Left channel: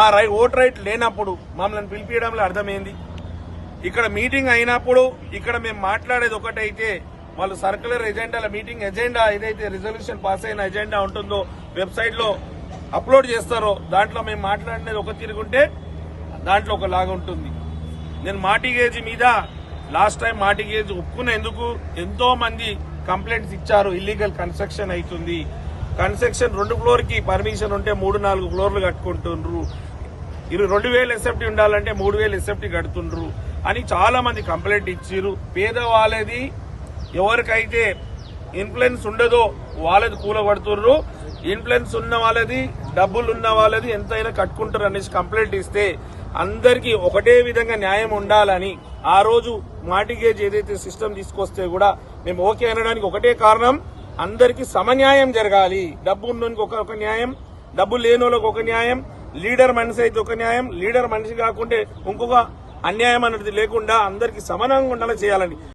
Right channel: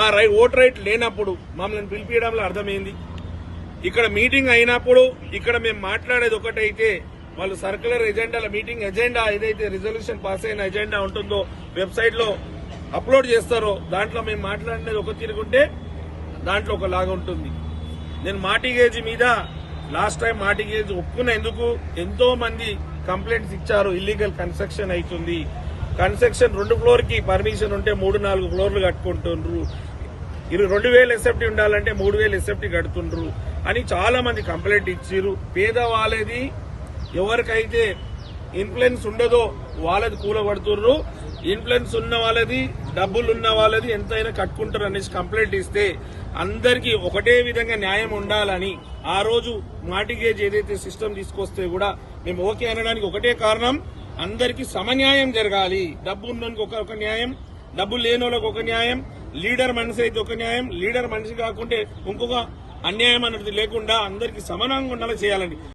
మా vote right లేనప్పుడు మమ్మల్ని పిలిపించడంలో అర్థమైంది. ఇక్కడ మీటింగ్ అయినప్పుడు ఇక్కడ మేము మాట్లాడేది ఒకటైతే వాళ్ళు సర్క్యులర్ ఎజెండాల మీటింగ్ ఎజెండా ఏదైతే రిజల్యూషన్ పాస్ అయిన ఎజెండా ఉంటుందో వెబ్సైట్ లో అప్లోడ్ చేస్తారో దాంట్లో మేము మాట్లాడినది ఒక తిరుగుంటే దాంట్లో ఒకలాగా ఉంటుంది. నేను మార్టిగేజ్ మీద లాస్ట్ టైం మార్టిగేజ్ ఒప్పుకునేందుకు ఎంతో మంది కంప్లైంట్స్ ఇచ్చారు. ఇల్లీగల్ కన్స్ట్రక్షన్ అవుతుంది, కన్స్ట్రక్షన్ 2 ఫ్లోర్ కి పర్మిషన్ ఉంటే 3-4 ఫ్లోర్లు కట్టుకుంటుండ్రు, 2,000 ఎస్ఎఫ్టీ ఉండాలంటే 3,000 ఎస్ఎఫ్టీ కడుతుండ్రు అని చాలా మంది కంప్లైంట్ ఇచ్చిర్రు. పేదవాళ్ళది ఎవరికైతే ఇన్ఫ్లుయెన్స్ ఉండదో వాళ్ళది కూలగొడుతుర్రు, ఇన్ఫ్లుయెన్స్ ఉన్న వాళ్ళది డబ్బులున్న వాళ్ళది ఎంతైనా కట్టుకుంటారు అనేసి కంప్లైంట్ ఇస్తే అందరికీ ఒకటే విధంగా న్యాయం ఉండాలని ఆ రోజు మార్టిగేజ్ ఏదైతే సిస్టమ్ తీసుకొస్తే కూడా మేము ఓకే అనడానికి ఒకటే కారణం, అందరికీ సమన్యాయం జరగాలి. డబ్బు ఉన్నోనికి ఒక న్యాయం, డబ్బు లేని వాళ్ళకి ఒక న్యాయం, లీడర్ మనిషి అయితే ఒక న్యాయం, లీడర్ మనిషి కాకుంటే ఇంకొక అన్యాయం అనేది లేకుండా అందరికీ సమానంగా ఉండేలా చేయాలని.